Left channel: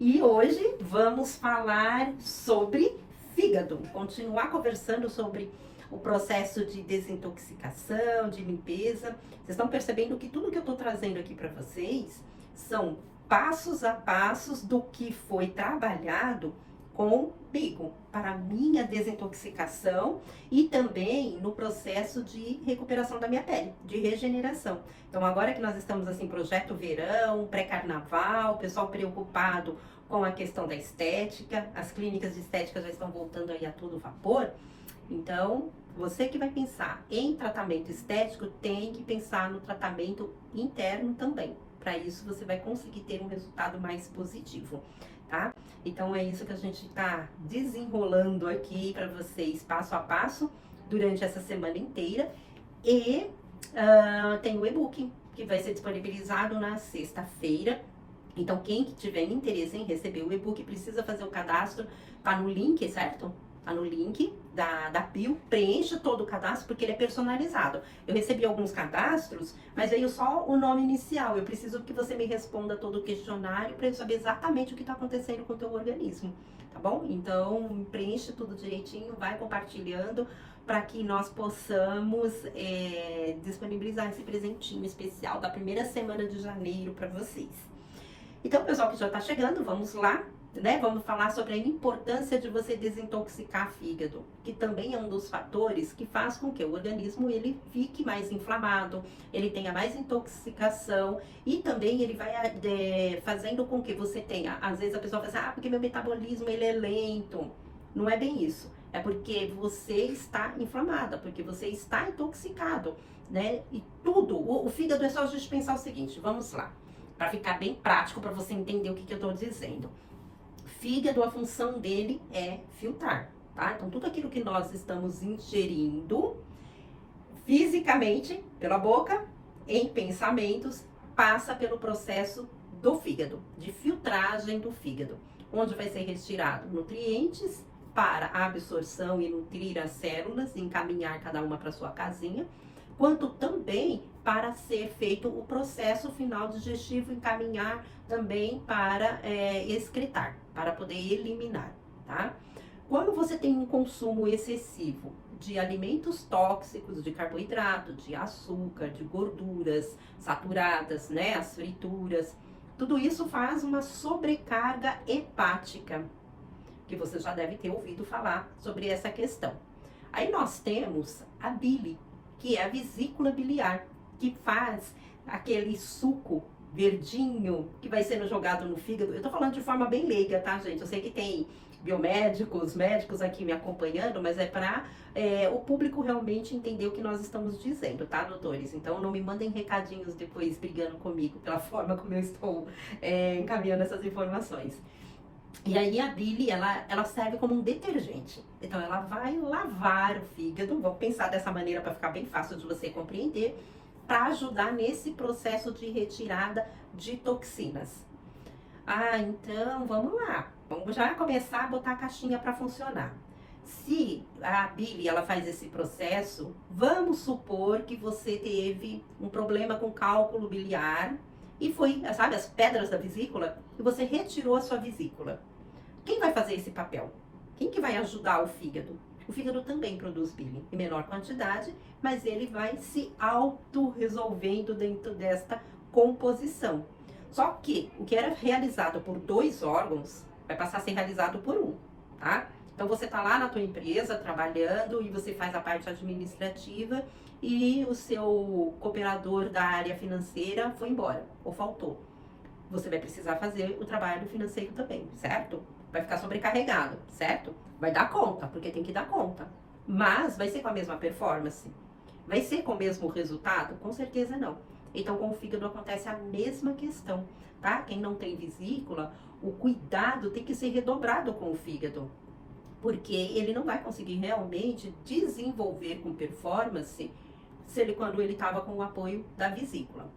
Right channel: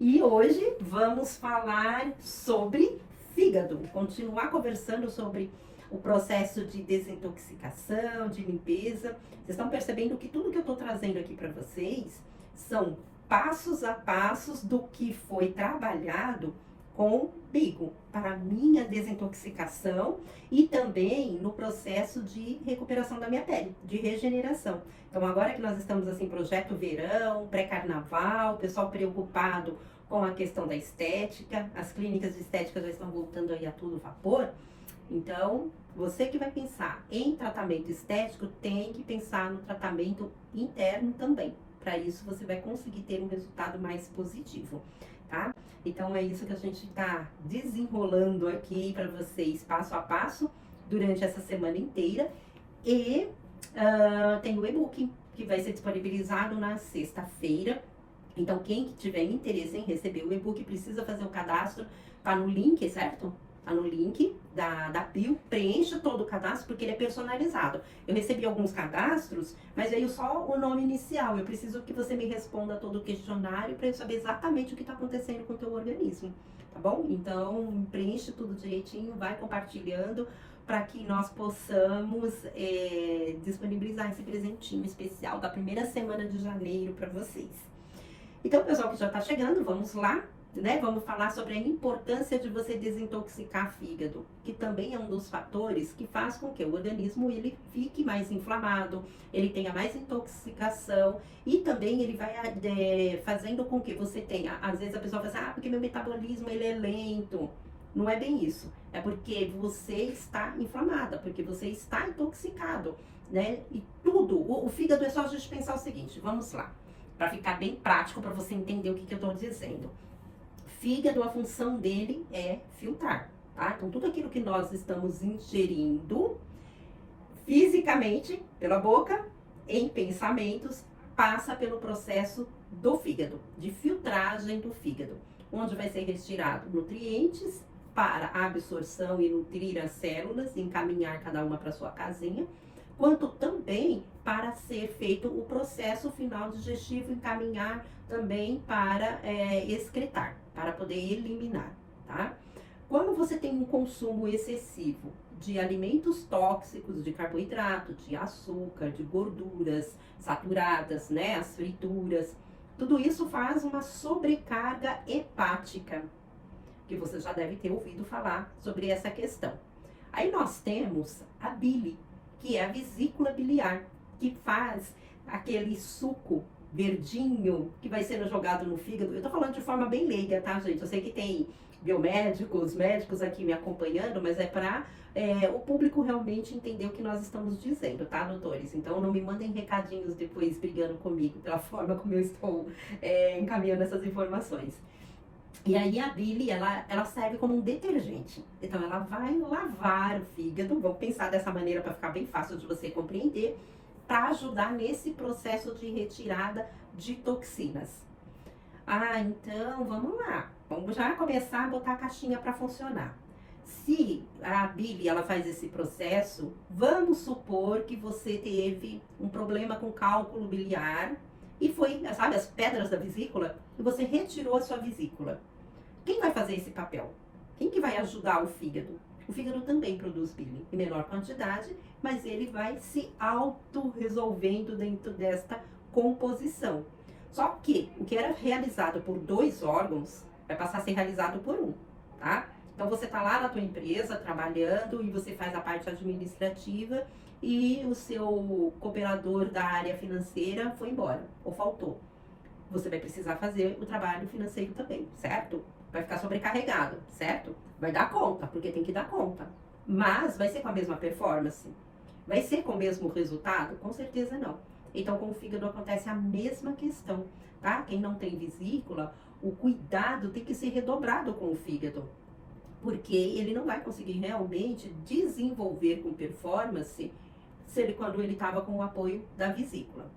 E hoje vamos falar sobre fígado, continuar conversando sobre o processo de desintoxicação, de limpeza. Vocês estão percebendo que tudo que eu estou trazendo aqui para vocês são passos a passos do que foi trabalhado comigo para a minha desintoxicação e também no processo de recuperação da minha pele, de regeneração. Então agora que nós estamos assim, projeto verão, pré-carnaval, o pessoal preocupado com a questão da estética, as clínicas de estética já estão voltando aí a todo vapor. Então, você que vai pensar em tratamento estético tem que pensar no tratamento interno também. Para isso, você vai conseguir ter um resultado mais positivo, tá? Então, é isso que a gente está desenrolando aqui para vocês, passo a passo, durante essa semana inteira. E tem o e-book que vai ser disponibilizado na sexta-feira. Então, quem tiver interesse em receber o e-book precisa fazer o cadastro, tá no link, certo? Tá no link da bio, preencha todo o cadastro porque ele é personalizado. Eu recebi alguns cadastros, mas veio só o nome inicial. Eu preciso que você me responda todo o questionário para eu saber exatamente o que está acontecendo com o teu organismo, tá bom? Então, preenche tudo direitinho, vai compartilhando para que nós possamos disponibilizar esse presentinho especial da primeira semana de janeiro para vocês. Então, pessoal que já está chegando, vamos lá, né? Vamos falar sobre a importância de você desintoxicar fígado, que também é um dos fatores que faz com que o organismo ele fique mais inflamado, ele tenha mais intoxicação e também ele vai fazendo com que você tenha, às vezes a pessoa fala assim, porque meu metabolismo ele é lento. Não é bem isso, é porque você está inflamada, porque você está intoxicado, né? E tudo, o fígado é só a gente pensar o seguinte, vamos lá. Para ficar bem prático, para você entender o que eu estou dizendo. Fígado, a função dele é filtrar, tá? Então, tudo aquilo que nós estamos ingerindo fisicamente, pela boca, em pensamentos, passa pelo processo do fígado, de filtragem do fígado, onde vai ser retirado nutrientes para a absorção e nutrir as células, encaminhar cada uma para sua casinha, quanto também para ser feito o processo final digestivo, encaminhar também para excretar, para poder eliminar, tá? Quando você tem um consumo excessivo de alimentos tóxicos, de carboidrato, de açúcar, de gorduras saturadas, né, as frituras, tudo isso faz uma sobrecarga hepática, que você já deve ter ouvido falar sobre essa questão. Aí nós temos a bile, que é a vesícula biliar, que faz aquele suco verdinho que vai sendo jogado no fígado. Eu tô falando de forma bem leiga, tá, gente? Eu sei que tem biomédicos, médicos aqui me acompanhando, mas é para o público realmente entender o que nós estamos dizendo, tá, doutores? Então não me mandem recadinhos depois brigando comigo pela forma como eu estou encaminhando essas informações. E aí a bile, ela serve como um detergente. Então ela vai lavar o fígado, vamos pensar dessa maneira para ficar bem fácil de você compreender, para ajudar nesse processo de retirada de toxinas. Ah, então vamos lá. Vamos já começar a botar a caixinha para funcionar. Se a bile ela faz esse processo, vamos supor que você teve um problema com cálculo biliar e foi, sabe, as pedras da vesícula, e você retirou a sua vesícula. Quem vai fazer esse papel? Quem que vai ajudar o fígado? O fígado também produz bile em menor quantidade, mas ele vai se auto-resolvendo dentro desta composição. Só que o que era realizado por 2 órgãos vai passar a ser realizado por um, tá? Então você tá lá na tua empresa trabalhando e você faz a parte administrativa e o seu cooperador da área financeira foi embora ou faltou. Você vai precisar fazer o trabalho financeiro também, certo? Vai ficar sobrecarregado, certo? Vai dar conta, porque tem que dar conta. Mas vai ser com a mesma performance? Vai ser com o mesmo resultado? Com certeza não. Então, com o fígado acontece a mesma questão, tá? Quem não tem vesícula, o cuidado tem que ser redobrado com o fígado, porque ele não vai conseguir realmente desenvolver com performance quando ele estava com o apoio da vesícula.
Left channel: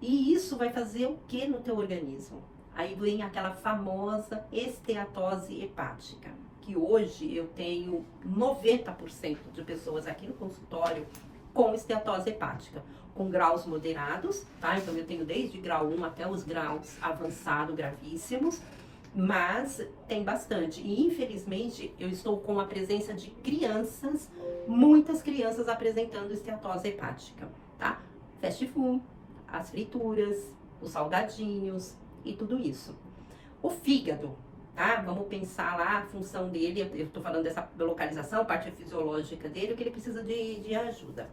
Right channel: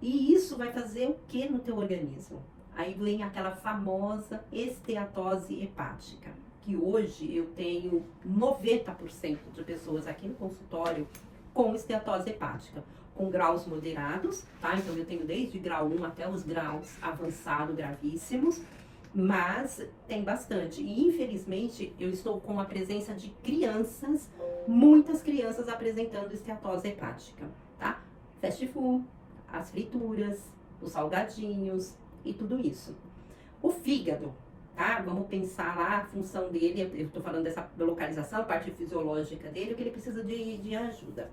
E isso vai fazer o que no teu organismo? Aí vem aquela famosa esteatose hepática, que hoje eu tenho 90% de pessoas aqui no consultório com esteatose hepática, com graus moderados, tá? Então eu tenho desde grau 1 até os graus avançados, gravíssimos, mas tem bastante. E infelizmente eu estou com a presença de crianças, muitas crianças apresentando esteatose hepática, tá? Fast food, as frituras, os salgadinhos e tudo isso. O fígado, tá? Vamos pensar lá a função dele, eu estou falando dessa localização, parte fisiológica dele, o que ele precisa de ajuda,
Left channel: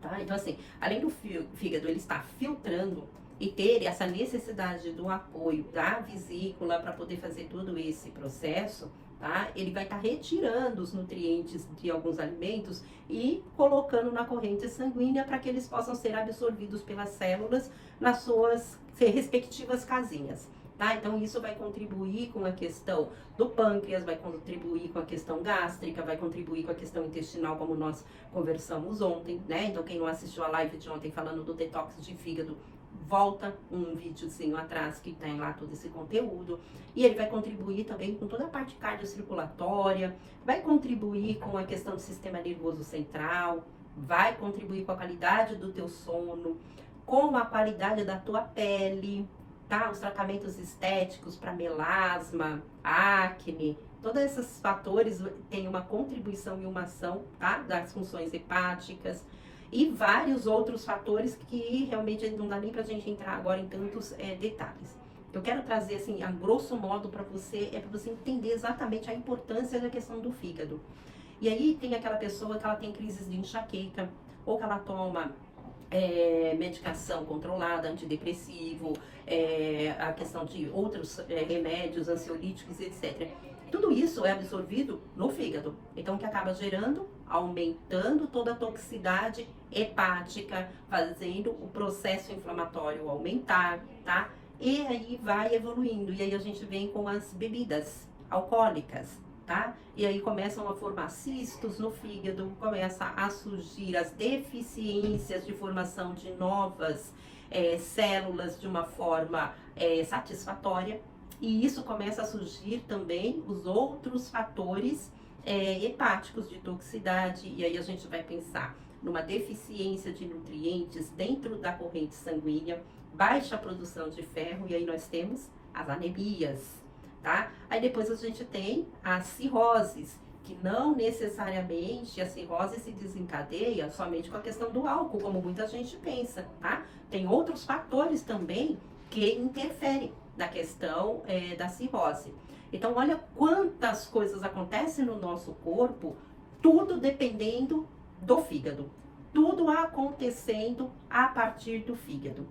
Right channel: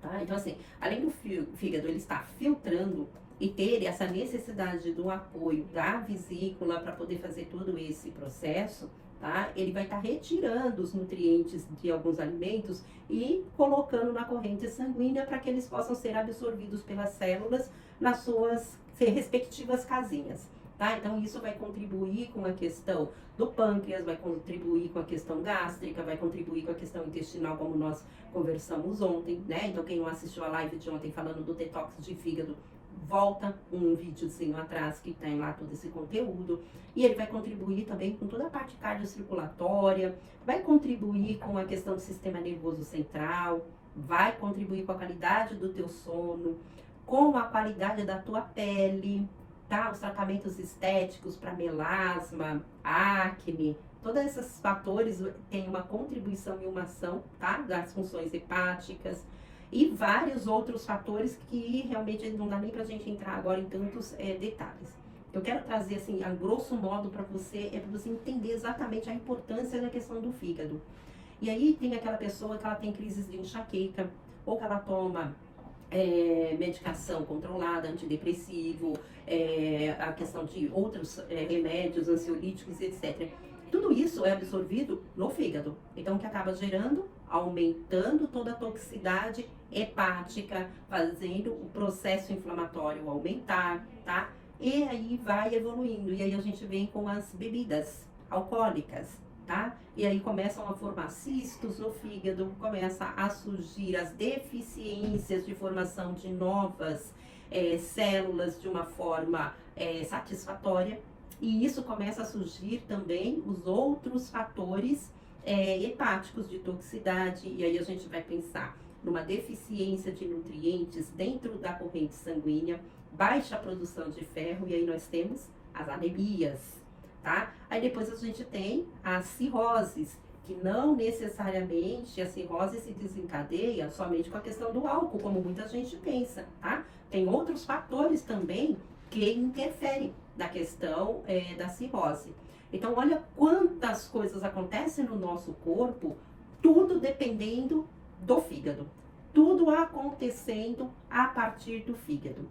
tá? Então assim, além do fígado ele está filtrando e ter essa necessidade do apoio da vesícula para poder fazer todo esse processo, tá? Ele vai estar retirando os nutrientes de alguns alimentos e colocando na corrente sanguínea para que eles possam ser absorvidos pelas células nas suas respectivas casinhas. Tá? Então, isso vai contribuir com a questão do pâncreas, vai contribuir com a questão gástrica, vai contribuir com a questão intestinal, como nós conversamos ontem, né? Então, quem não assistiu a live de ontem falando do detox de fígado, volta um videozinho atrás que tem lá todo esse conteúdo. E ele vai contribuir também com toda a parte cardiocirculatória, vai contribuir com a questão do sistema nervoso central, vai contribuir com a qualidade do teu sono, com a qualidade da tua pele, tá? Os tratamentos estéticos para melasma, acne, todos esses fatores têm uma contribuição e uma ação, tá? Das funções hepáticas e vários outros fatores que realmente não dá nem pra gente entrar agora em tantos detalhes. Eu quero trazer assim, a grosso modo para você entender exatamente a importância da questão do fígado. E aí tem aquela pessoa que ela tem crises de enxaqueca, ou que ela toma medicação controlada, antidepressivo, a questão de outros remédios, ansiolíticos, etc. Tudo isso é absorvido no fígado. Então, o que acaba gerando? Aumentando toda a toxicidade hepática, fazendo o processo inflamatório aumentar, tá? E aí vai evoluindo. E aí a gente vem com as bebidas alcoólicas, tá? E aí começam a formar cistos no fígado, começa a surgir as deficiências de formação de novas células de uma forma satisfatória. E isso começa a surgir também os outros fatores hepáticos de toxicidade. E aí a gente vai pensar numa deficiência de nutrientes dentro da corrente sanguínea, baixa produção de ferro, e aí nós temos as anemias, tá? Aí depois a gente tem as cirroses, que não necessariamente a cirrose se desencadeia somente com a questão do álcool, como muita gente pensa, tá? Tem outros fatores também que interferem na questão da cirrose. Então, olha quantas coisas acontecem no nosso corpo, tudo dependendo do fígado. Tudo acontecendo a partir do fígado.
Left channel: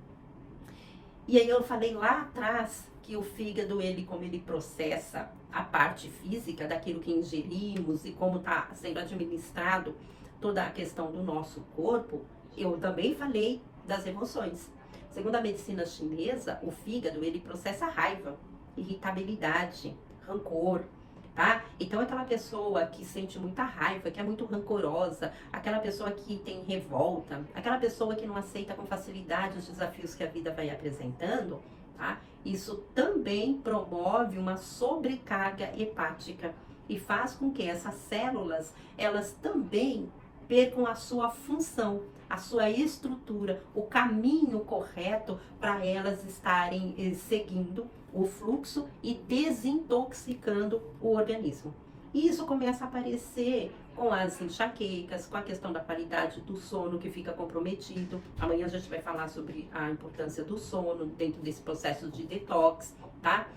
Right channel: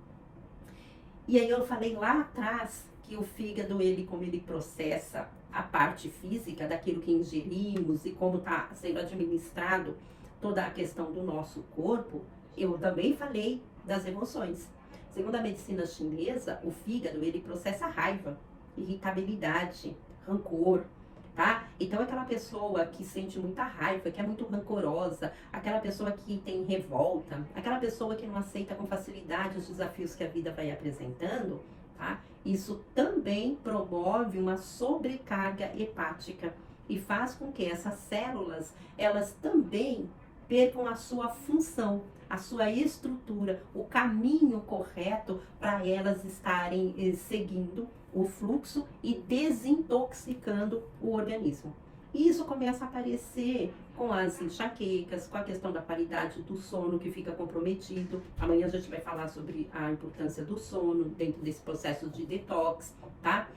E aí eu falei lá atrás que o fígado, como ele processa a parte física daquilo que ingerimos e como está sendo administrado toda a questão do nosso corpo, eu também falei das emoções. Segundo a medicina chinesa, o fígado, ele processa raiva, irritabilidade, rancor, tá? Então, aquela pessoa que sente muita raiva, que é muito rancorosa, aquela pessoa que tem revolta, aquela pessoa que não aceita com facilidade os desafios que a vida vai apresentando, tá? Isso também promove uma sobrecarga hepática e faz com que essas células, elas também percam a sua função, a sua estrutura, o caminho correto para elas estarem seguindo o fluxo e desintoxicando o organismo. E isso começa a aparecer com as enxaquecas, com a questão da qualidade do sono que fica comprometido. Amanhã a gente vai falar sobre a importância do sono dentro desse processo de detox, tá?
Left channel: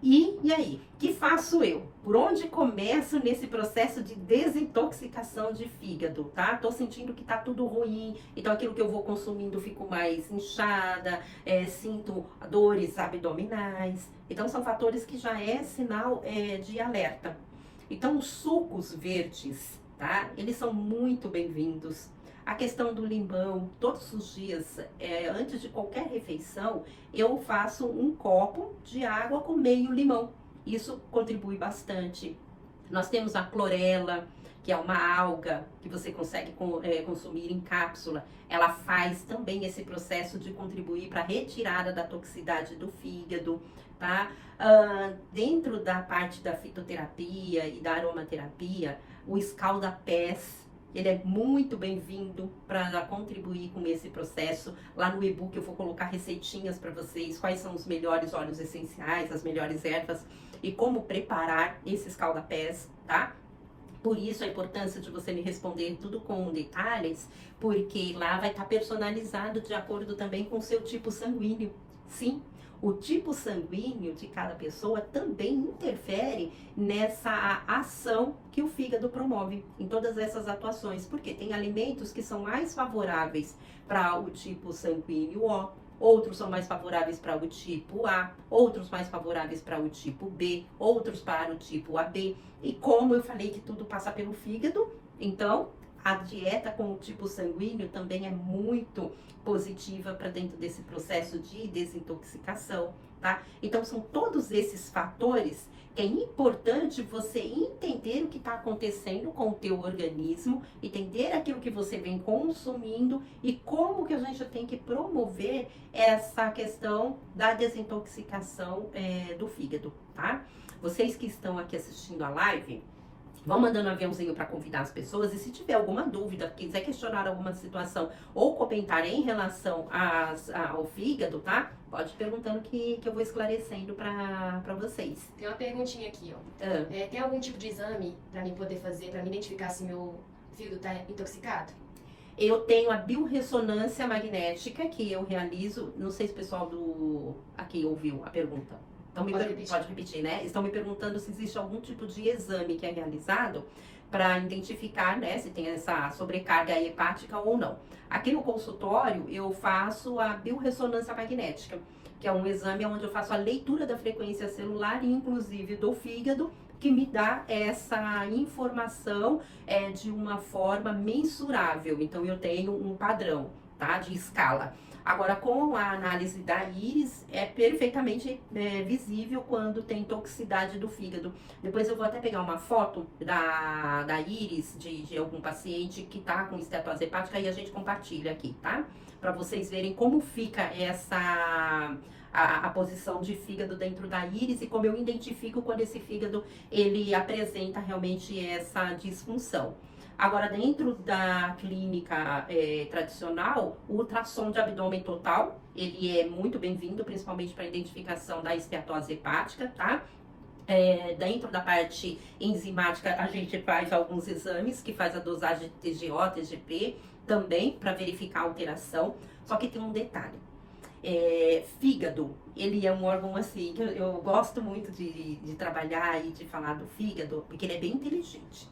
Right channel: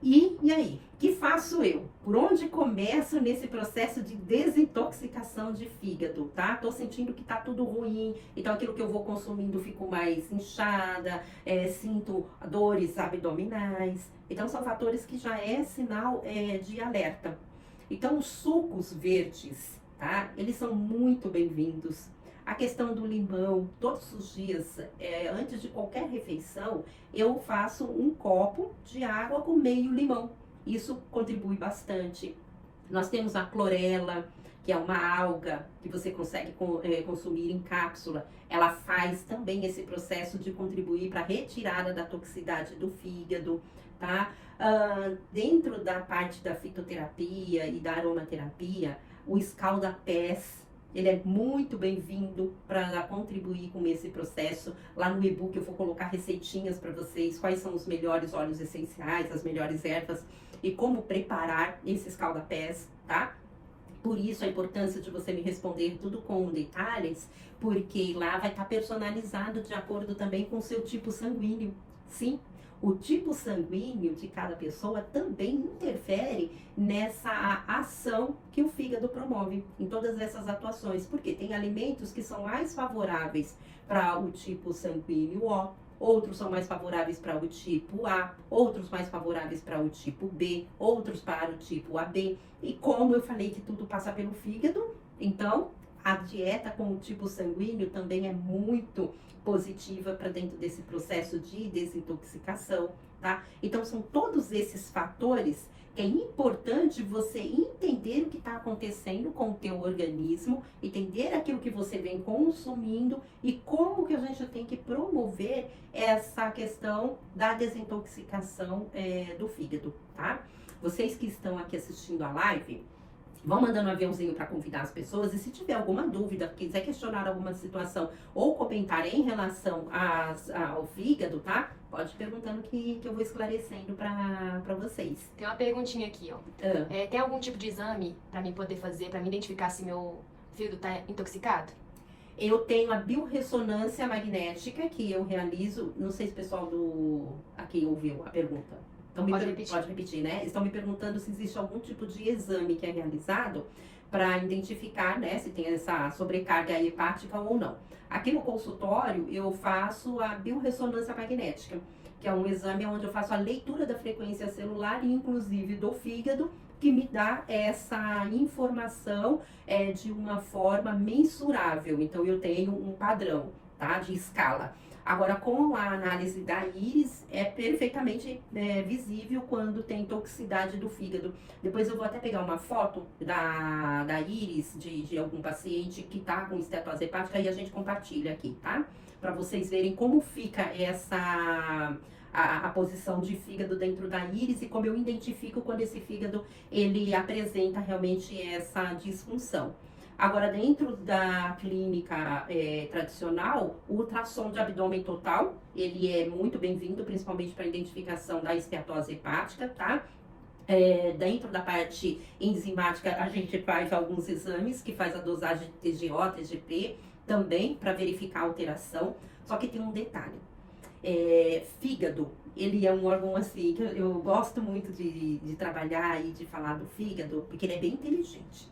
E aí, o que faço eu? Por onde começo nesse processo de desintoxicação de fígado, tá? Tô sentindo que tá tudo ruim, então aquilo que eu vou consumindo fico mais inchada, sinto dores abdominais. Então são fatores que já é sinal de alerta. Então os sucos verdes, tá? Eles são muito bem-vindos. A questão do limão, todos os dias, antes de qualquer refeição, eu faço um copo de água com meio limão. Isso contribui bastante. Nós temos a clorela, que é uma alga que você consegue consumir em cápsula. Ela faz também esse processo de contribuir para a retirada da toxicidade do fígado, tá? Dentro da parte da fitoterapia e da aromaterapia, o escalda-pés, ele é muito bem-vindo para contribuir com esse processo. Lá no e-book eu vou colocar receitinhas para vocês, quais são os melhores óleos essenciais, as melhores ervas e como preparar esse escaldapés, tá? Por isso a importância de você me responder tudo com detalhes, porque lá vai estar personalizado de acordo também com o seu tipo sanguíneo. Sim, o tipo sanguíneo de cada pessoa também interfere nessa ação que o fígado promove, em todas essas atuações, porque tem alimentos que são mais favoráveis para o tipo sanguíneo O, outros são mais favoráveis para o tipo A, outros mais favoráveis para o tipo B, outros para o tipo AB. E como eu falei que tudo passa pelo fígado, então a dieta com o tipo sanguíneo também é muito positiva para dentro desse processo de desintoxicação, tá? Então são todos esses fatores que é importante você entender o que está acontecendo com o teu organismo, entender aquilo que você vem consumindo e como que a gente tem que promover essa questão da desintoxicação do fígado, tá? Vocês que estão aqui assistindo a live, vão mandando um aviãozinho para convidar as pessoas. E se tiver alguma dúvida, quiser questionar alguma situação ou comentar em relação ao fígado, tá? Pode ir perguntando que eu vou esclarecendo para vocês. Tem uma perguntinha aqui, ó. Tem algum tipo de exame para mim poder fazer, para me identificar se meu fígado tá intoxicado? Eu tenho a biorressonância magnética que eu realizo. Não sei se o pessoal aqui ouviu a pergunta. Pode repetir, né? Estão me perguntando se existe algum tipo de exame que é realizado para identificar, né, se tem essa sobrecarga hepática ou não. Aqui no consultório eu faço a biorressonância magnética, que é um exame onde eu faço a leitura da frequência celular e inclusive do fígado, que me dá essa informação de uma forma mensurável. Então eu tenho um padrão, tá, de escala. Agora, com a análise da íris, é perfeitamente visível quando tem toxicidade do fígado. Depois eu vou até pegar uma foto da íris de algum paciente que está com estetose hepática e a gente compartilha aqui, tá? Para vocês verem como fica a posição de fígado dentro da íris e como eu identifico quando esse fígado ele apresenta realmente essa disfunção. Agora, dentro da clínica tradicional, o ultrassom de abdômen total, ele é muito bem-vindo, principalmente para a identificação da esteatose hepática, tá? Dentro da parte enzimática, a gente faz alguns exames, que faz a dosagem de TGO, TGP, também para verificar a alteração. Só que tem um detalhe. Fígado, ele é um órgão assim, que eu gosto muito de trabalhar e de falar do fígado, porque ele é bem inteligente.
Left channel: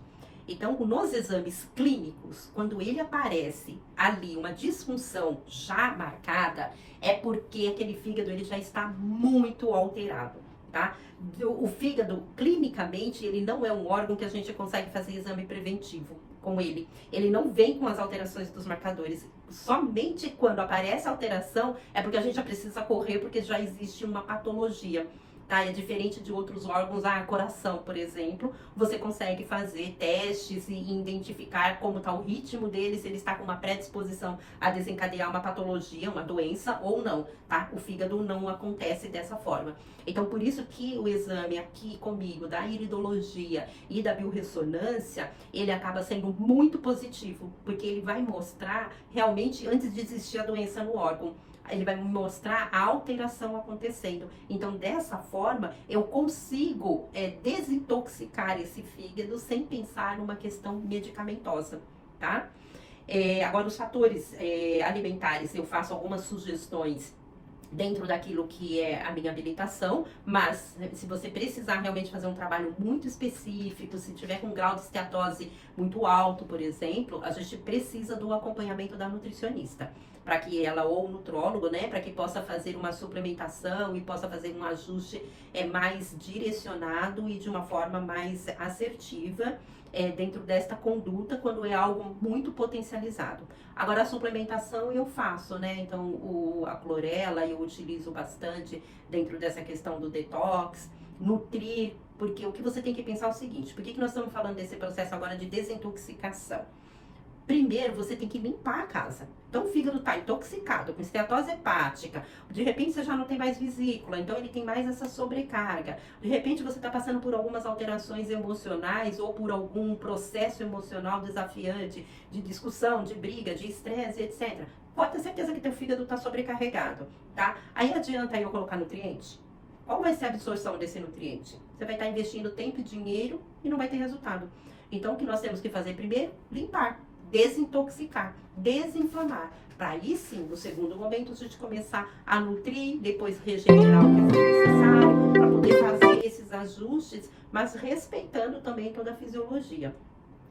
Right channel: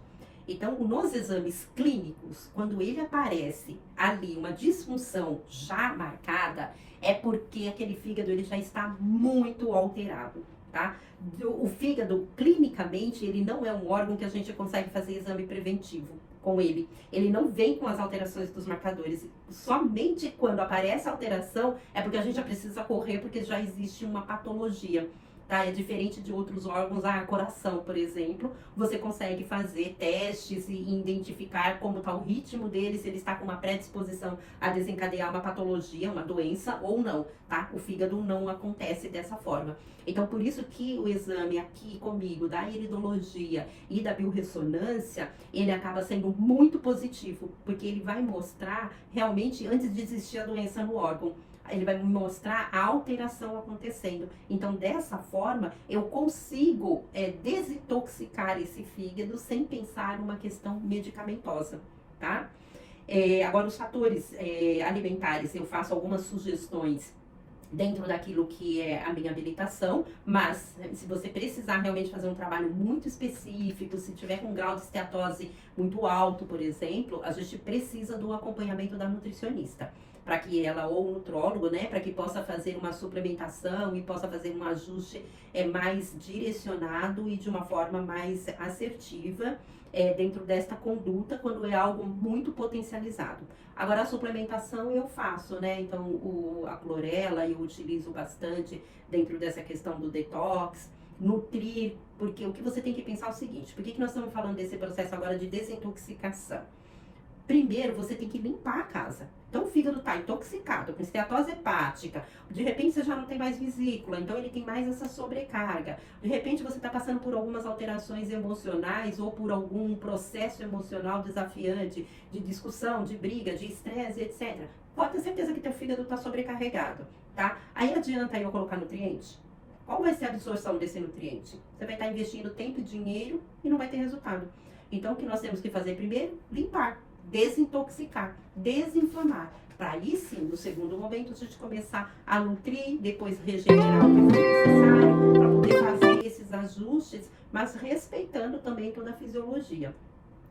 Então, nos exames clínicos, quando ele aparece ali uma disfunção já marcada, é porque aquele fígado ele já está muito alterado, tá? O fígado, clinicamente, ele não é um órgão que a gente consegue fazer exame preventivo com ele. Ele não vem com as alterações dos marcadores. Somente quando aparece a alteração é porque a gente já precisa correr, porque já existe uma patologia. Tá? É diferente de outros órgãos, coração, por exemplo, você consegue fazer testes e identificar como está o ritmo dele, se ele está com uma predisposição a desencadear uma patologia, uma doença ou não, tá? O fígado não acontece dessa forma. Então, por isso que o exame aqui comigo da iridologia e da biorressonância, ele acaba sendo muito positivo, porque ele vai mostrar realmente antes de existir a doença no órgão. Ele vai me mostrar a alteração acontecendo. Então, dessa forma, eu consigo desintoxicar esse fígado sem pensar numa questão medicamentosa, tá? Agora, os fatores alimentares, eu faço algumas sugestões dentro daquilo que é a minha habilitação, mas se você precisar realmente fazer um trabalho muito específico, se tiver com um grau de esteatose muito alto, por exemplo, a gente precisa do acompanhamento da nutricionista, para que ela, ou o nutrólogo, né, para que possa fazer uma suplementação e possa fazer um ajuste mais direcionado e de uma forma mais assertiva dentro desta conduta, quando é algo muito potencializado. Agora, a suplementação eu faço, né, então a clorela eu utilizo bastante dentro dessa questão do detox, nutrir, porque o que você tem que pensar é o seguinte, por que nós estamos falando desse processo agora de desintoxicação? primeiro você tem que limpar a casa. Então o fígado está intoxicado, com esteatose hepática, de repente você já não tem mais vesícula, então ele tem mais essa sobrecarga. De repente você está passando por algumas alterações emocionais ou por algum processo emocional desafiante, de discussão, de briga, de estresse, etc. Pode ter certeza que teu fígado está sobrecarregado, tá? Aí adianta eu colocar nutriente? Qual vai ser a absorção desse nutriente? Você vai estar investindo tempo e dinheiro e não vai ter resultado. Então o que nós temos que fazer primeiro? Limpar, desintoxicar, desinflamar. Para aí sim, no segundo momento, a gente começar a nutrir, depois regenerar o que for necessário, para poder fazer esses ajustes, mas respeitando também toda a fisiologia.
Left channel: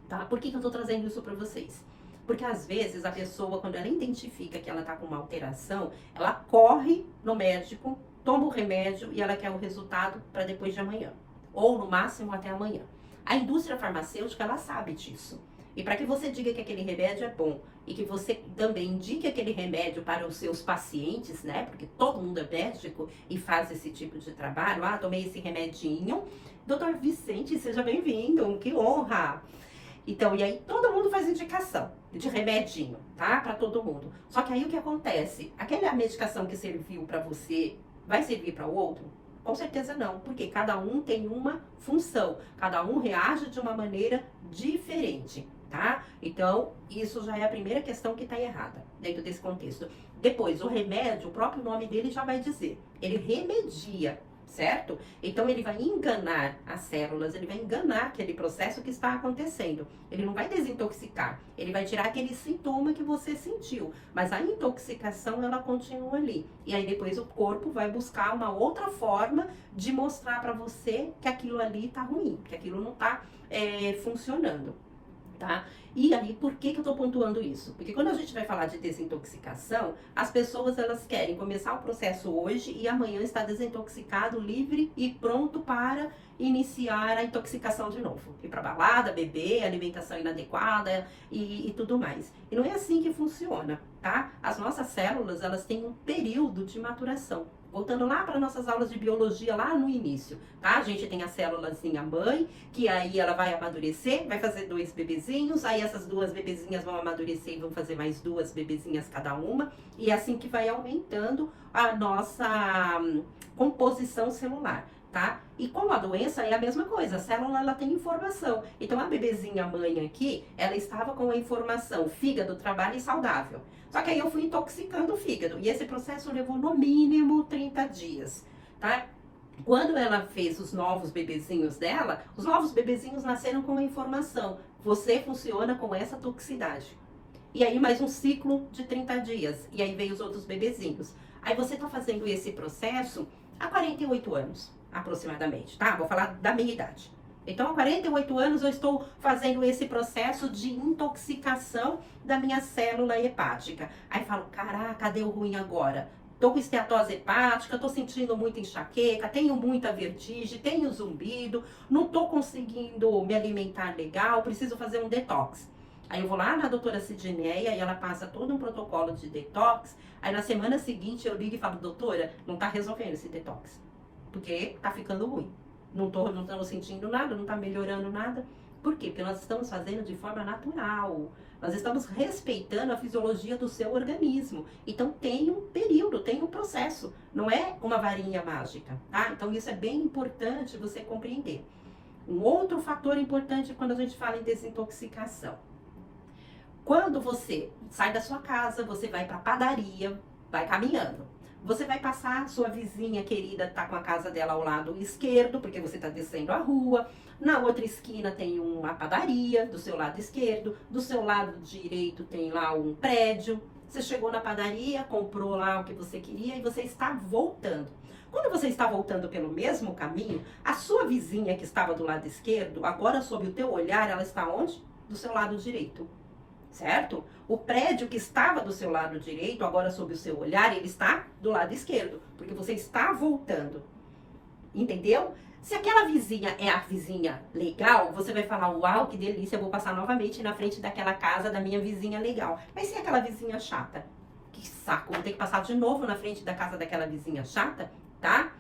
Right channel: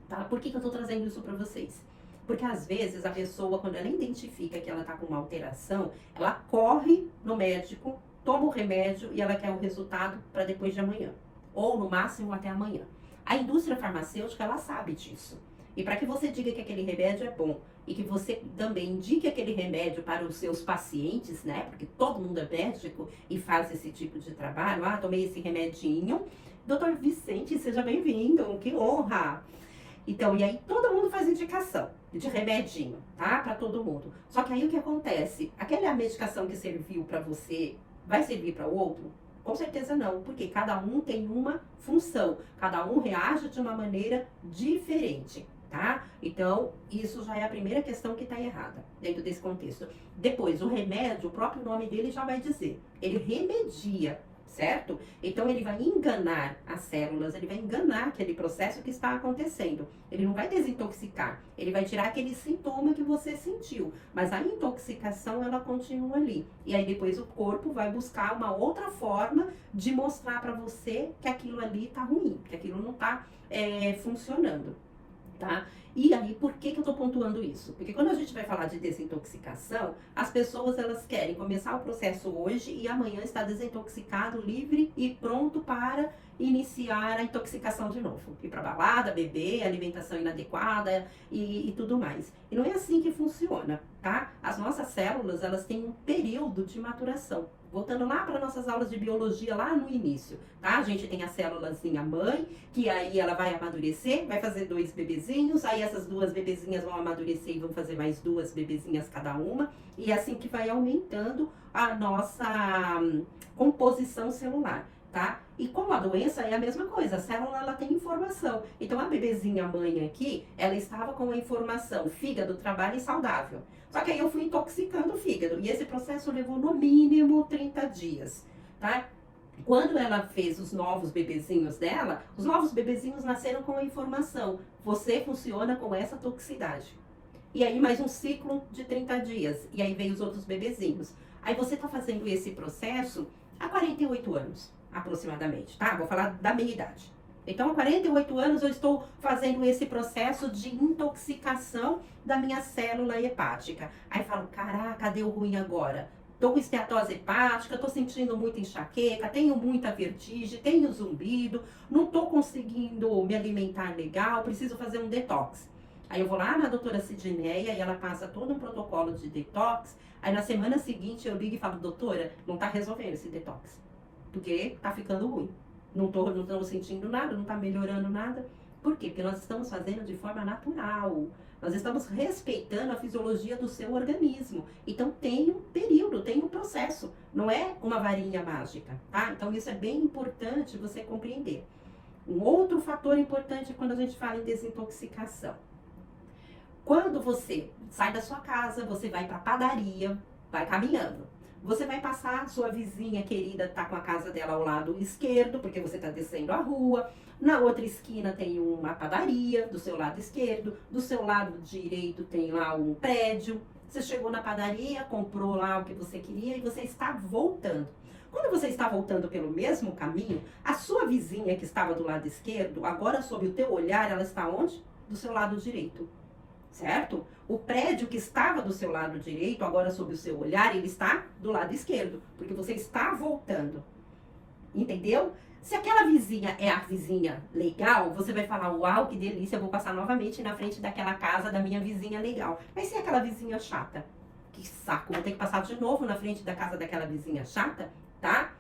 Tá? Por que eu estou trazendo isso para vocês? Porque às vezes a pessoa, quando ela identifica que ela está com uma alteração, ela corre no médico, toma o remédio e ela quer o resultado para depois de amanhã. Ou no máximo até amanhã. A indústria farmacêutica, ela sabe disso. E para que você diga que aquele remédio é bom e que você também indique aquele remédio para os seus pacientes, né? Porque todo mundo é médico e faz esse tipo de trabalho. Ah, tomei esse remedinho. Doutor Vicente, seja bem-vindo, que honra! Então, e aí todo mundo faz indicação de remedinho, tá? Para todo mundo. Só que aí o que acontece? Aquela medicação que serviu para você vai servir para o outro? Com certeza não, porque cada um tem uma função, cada um reage de uma maneira diferente, tá? Então, isso já é a primeira questão que está errada dentro desse contexto. Depois, o remédio, o próprio nome dele já vai dizer, ele remedia, certo? Então ele vai enganar as células, ele vai enganar aquele processo que está acontecendo. Ele não vai desintoxicar, ele vai tirar aquele sintoma que você sentiu, mas a intoxicação ela continua ali. E aí depois o corpo vai buscar uma outra forma de mostrar para você que aquilo ali tá ruim, que aquilo não tá funcionando, tá? E aí, por que eu tô pontuando isso? Porque quando a gente vai falar de desintoxicação, as pessoas elas querem começar o processo hoje e amanhã estar desintoxicado, livre e pronto para iniciar a intoxicação de novo. Ir pra balada, beber, alimentação inadequada e tudo mais. E não é assim que funciona, tá? As nossas células, elas têm um período de maturação. Voltando lá para nossas aulas de biologia, lá no início, tá? A gente tem a célulazinha mãe, que aí ela vai amadurecer, vai fazer 2 bebezinhos, aí essas 2 bebezinhas vão amadurecer e vão fazer mais 2 bebezinhas cada uma, e é assim que vai aumentando a nossa composição celular, tá? E com a doença é a mesma coisa, a célula ela tem informação. Então a bebezinha mãe aqui, ela estava com a informação, fígado, trabalho e saudável. Só que aí eu fui intoxicando o fígado. E esse processo levou no mínimo 30 dias, tá? Quando ela fez os novos bebezinhos dela, os novos bebezinhos nasceram com a informação. Você funciona com essa toxicidade. E aí mais um ciclo de 30 dias. E aí veio os outros bebezinhos. Aí você tá fazendo esse processo há 48 anos, aproximadamente, tá? Vou falar da minha idade. Então, há 48 anos eu estou fazendo esse processo de intoxicação da minha célula hepática. Aí falo, caraca, deu ruim agora. Tô com esteatose hepática, tô sentindo muita enxaqueca, tenho muita vertigem, tenho zumbido, não tô conseguindo me alimentar legal, preciso fazer um detox. Aí eu vou lá na doutora Sidneia e ela passa todo um protocolo de detox. Aí na semana seguinte eu ligo e falo, doutora, não tá resolvendo esse detox, porque tá ficando ruim. Não estamos sentindo nada, não está melhorando nada. Por quê? Porque nós estamos fazendo de forma natural. Nós estamos respeitando a fisiologia do seu organismo. Então tem um período, tem um processo. Não é uma varinha mágica, tá? Então isso é bem importante você compreender. Um outro fator importante quando a gente fala em desintoxicação. Quando você sai da sua casa, você vai para a padaria, vai caminhando. Você vai passar, sua vizinha querida tá com a casa dela ao lado esquerdo, porque você tá descendo a rua. Na outra esquina tem uma padaria, do seu lado esquerdo. Do seu lado direito tem lá um prédio. Você chegou na padaria, comprou lá o que você queria e você está voltando. Quando você está voltando pelo mesmo caminho, a sua vizinha que estava do lado esquerdo, agora sob o teu olhar, ela está onde? Do seu lado direito. Certo? O prédio que estava do seu lado direito, agora sob o seu olhar, ele está do lado esquerdo, porque você está voltando. Entendeu? Se aquela vizinha é a vizinha legal, você vai falar, uau, que delícia, eu vou passar novamente na frente daquela casa da minha vizinha legal. Mas se é aquela vizinha chata, que saco, vou ter que passar de novo na frente da casa daquela vizinha chata, tá?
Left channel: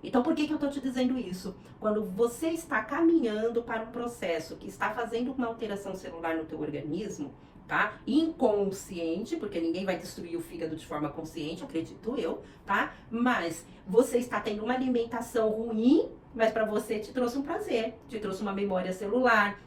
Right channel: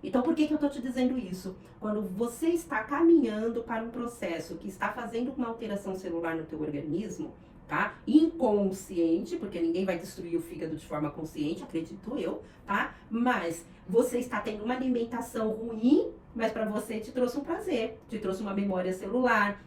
Então, por que eu tô te dizendo isso? Quando você está caminhando para um processo que está fazendo uma alteração celular no teu organismo, tá? Inconsciente, porque ninguém vai destruir o fígado de forma consciente, acredito eu, tá? Mas você está tendo uma alimentação ruim, mas para você te trouxe um prazer, te trouxe uma memória celular.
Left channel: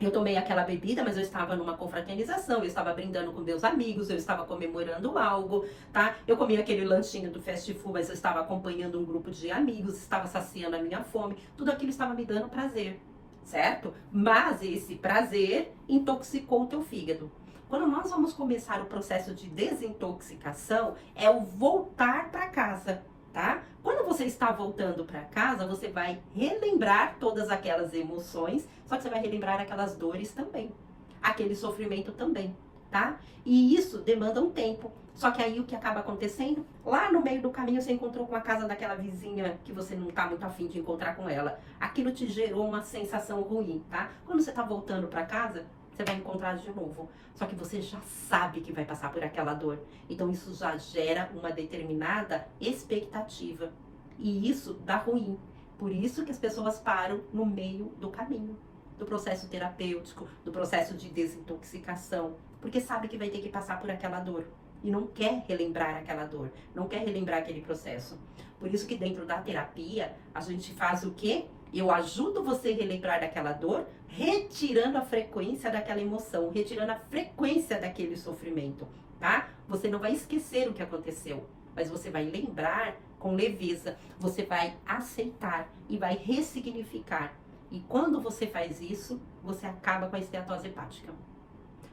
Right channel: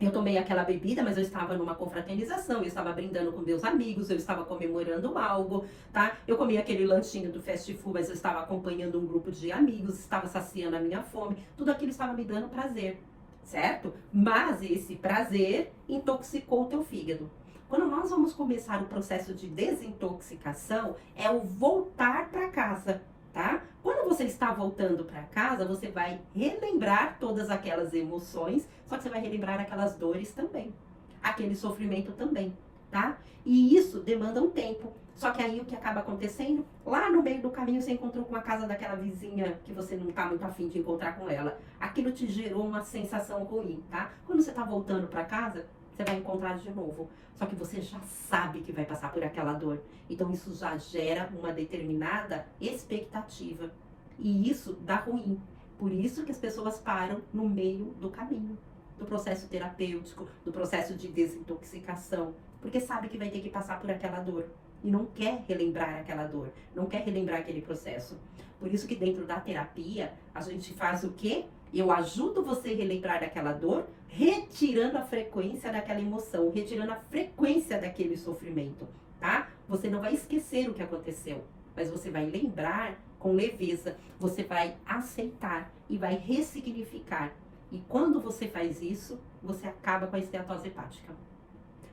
Eu tomei aquela bebida, mas eu estava numa confraternização, eu estava brindando com meus amigos, eu estava comemorando algo, tá? Eu comi aquele lanchinho do fast food, mas eu estava acompanhando um grupo de amigos, estava saciando a minha fome, tudo aquilo estava me dando prazer, certo? Mas esse prazer intoxicou o teu fígado. Quando nós vamos começar o processo de desintoxicação, é o voltar para casa, tá? Quando você está voltando para casa, você vai relembrar todas aquelas emoções, só que você vai relembrar aquelas dores também, aquele sofrimento também, tá? E isso demanda um tempo. Só que aí o que acaba acontecendo? Lá no meio do caminho você encontrou com a casa daquela vizinha que você não tá muito afim de encontrar com ela. Aquilo te gerou uma sensação ruim, tá? Quando você tá voltando para casa, você vai encontrar de novo. Só que você já sabe que vai passar por aquela dor. Então isso já gera uma determinada expectativa. E isso dá ruim. Por isso que as pessoas param no meio do caminho, do processo terapêutico, do processo de desintoxicação. Porque sabe que vai ter que passar por aquela dor. E não quer relembrar aquela dor. Não quer relembrar aquele processo. Por isso que dentro da terapia, a gente faz o quê? Eu ajudo você a relembrar daquela dor, retirando a frequência daquela emoção, retirando a frequência daquele sofrimento, tá? Você não vai esquecer o que aconteceu, mas você vai lembrar com leveza, você vai aceitar e vai ressignificar. E quando você faz isso, você acaba com a esteatose hepática.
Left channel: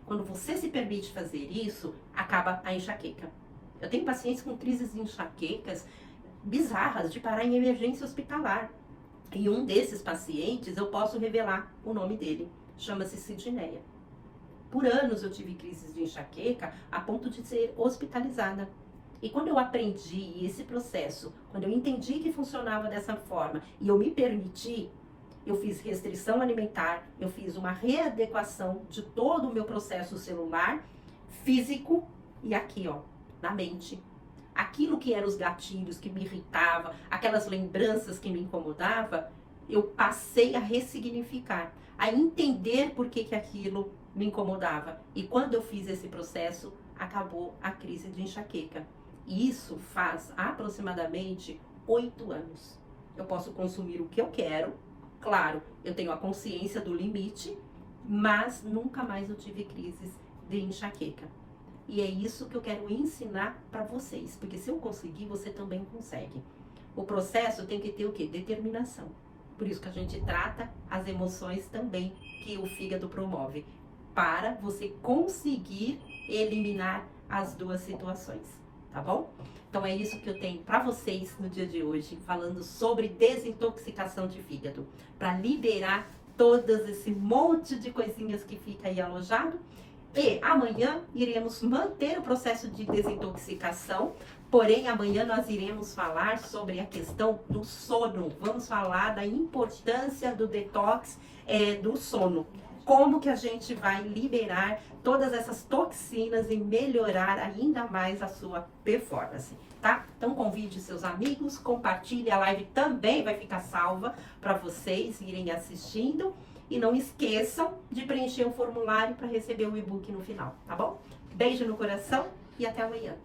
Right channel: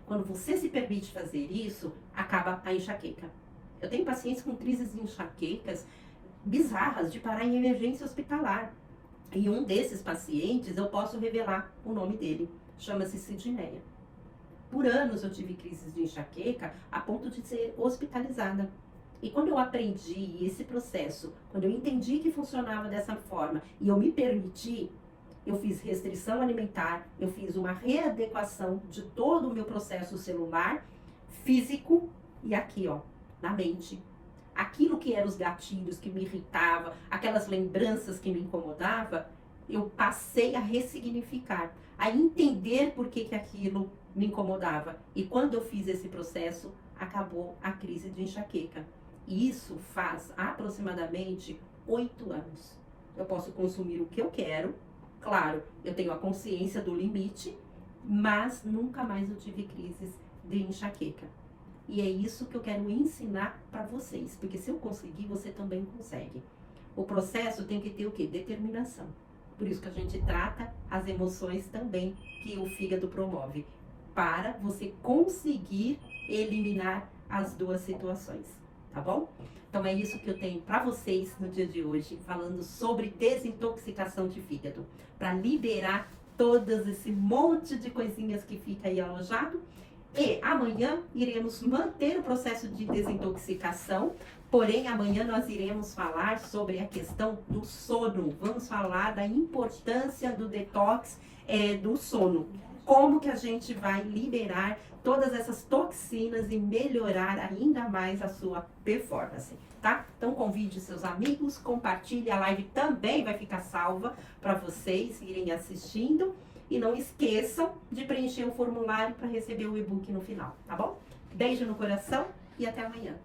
Quando você se permite fazer isso, acaba a enxaqueca. Eu tenho pacientes com crises de enxaquecas bizarras, de parar em emergência hospitalar. E um desses pacientes, eu posso revelar o nome dele, chama-se Sidneia. Por anos eu tive crises de enxaqueca a ponto de ser hospitalizada. E quando eu aprendi esse processo, quando eu entendi que funcionava dessa forma e eu me permiti, eu fiz restrição alimentar, eu fiz uma readequação de todo o meu processo celular, físico e aqui, ó, na mente. Aquilo que eram os gatilhos que me irritava, aquelas lembranças que me incomodavam, eu passei a ressignificar, a entender por que aquilo me incomodava. E quando eu fiz esse processo, acabou a crise de enxaqueca. E isso faz aproximadamente 8 anos. Eu posso consumir o que eu quero, claro, eu tenho a consciência do limite, mas nunca mais eu tive crises de enxaqueca. E é isso que eu quero ensinar para vocês, porque se eu conseguir, você também consegue. O processo tem que ter o quê? Determinação. Por isso que a gente trata as emoções também que o fígado promove, para você conseguir eliminar as duas situações, tá bom? Então é isso que eu tenho para vocês no dia de hoje, falando sobre desintoxicação de fígado, para liberar todas esse monte de coisinhas que fica aí alojado. E amanhã iremos manter o processo de desintoxicação, porém amanhã nós iremos falar sobre a questão do sono. Vamos falar da importância do detox do sono. Como que a gente vai liberar todas essas toxinas e melhorar ainda mais a sua performance, tá? Então convide seus amigos, compartilhe, a live também vai ficar salva para vocês irem assistindo. E não esqueçam de preencher o formulário para receber o e-book no final, tá bom? Beijo no coração e até amanhã.